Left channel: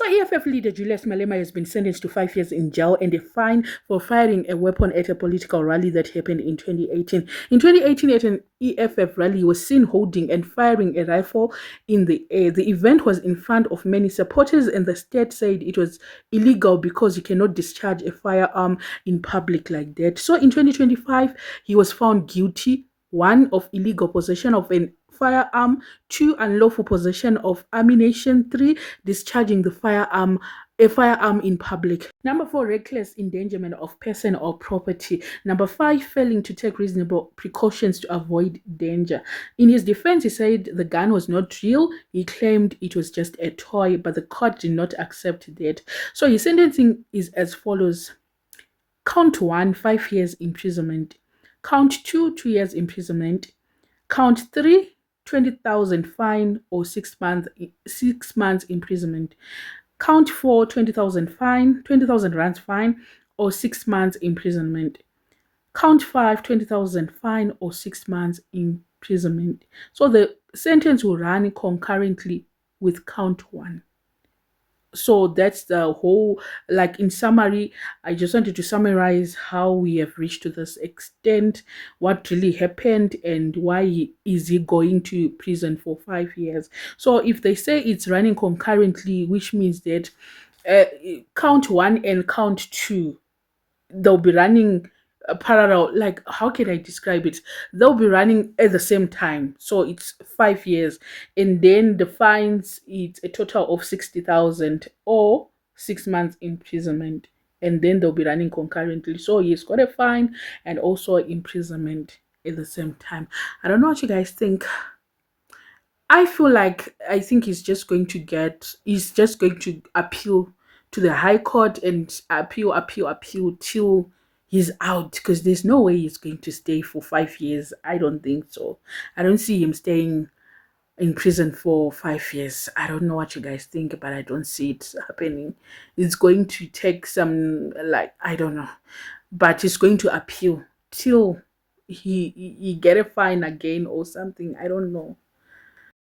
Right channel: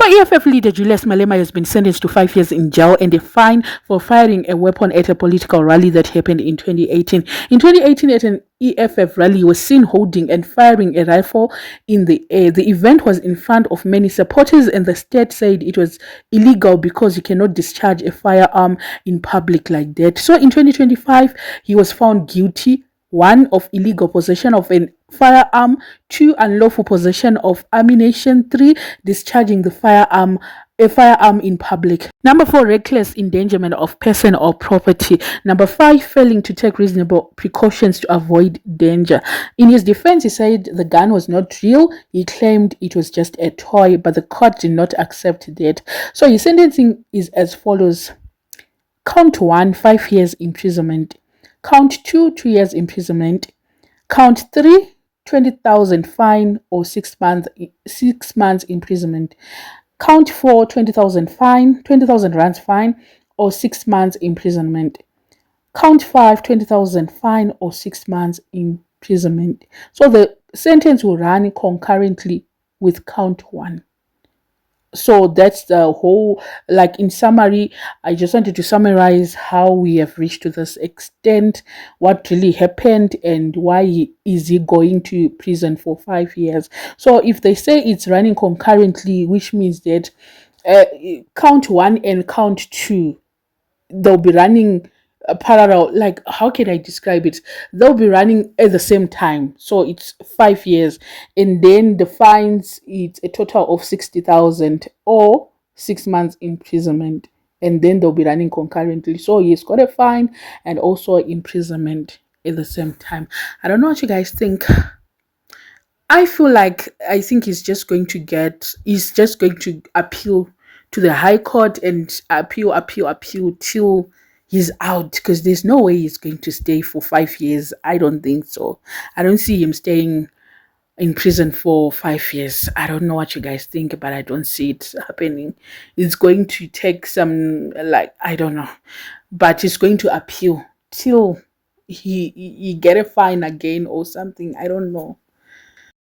So EFF leader Julius Malema has been sentenced to 5 years in jail and a fine for firing a weapon at a political rally that happened in 2018. In 2018, at an EFF rally, he was seen holding and firing a rifle in the air. The event was in front of many supporters, and the state said it was illegal because you cannot discharge a firearm in public like that. So in 2025, he was found guilty, one, of illegal possession of an firearm, two, unlawful possession of ammunition, three, discharging a firearm in public. Number four, reckless endangerment of person or property. Number five, failing to take reasonable precautions to avoid danger. In his defense, he said the gun was not real. He claimed it was just a toy, but the court did not accept that. So his sentencing is as follows. Count one, 5 years imprisonment. Count two, 2 years imprisonment. Count three, 20,000 fine or 6 months imprisonment. Count four, 20,000 fine, 20,000 rands fine or 6 months imprisonment. Count five, 20,000 fine or 6 months imprisonment. So the sentence will run concurrently with count one. So that's the whole, like, in summary, I just wanted to summarize how we have reached to this extent, what really happened, and why is he going to prison for 5 years. So if they say it's running concurrently, which means that count one and count two, they'll be running parallel. Like, how can I describe it? They'll be running at the same time, so it's 5 years, and then the fines, it's a total of 60,000 or 6 months imprisonment, and then they'll be running concurrently. So he's got a fine and also imprisonment at the same time. I don't know what you guys think. I think he's just going to appeal to the High Court and appeal till he's out, because there's no way he's going to stay for 5 years. I don't think so. I don't see him staying in prison for 5 years. I don't know what you guys think, but I don't see it happening. It's going to take some, like, I don't know, but he's going to appeal till he get a fine again or something. I don't know.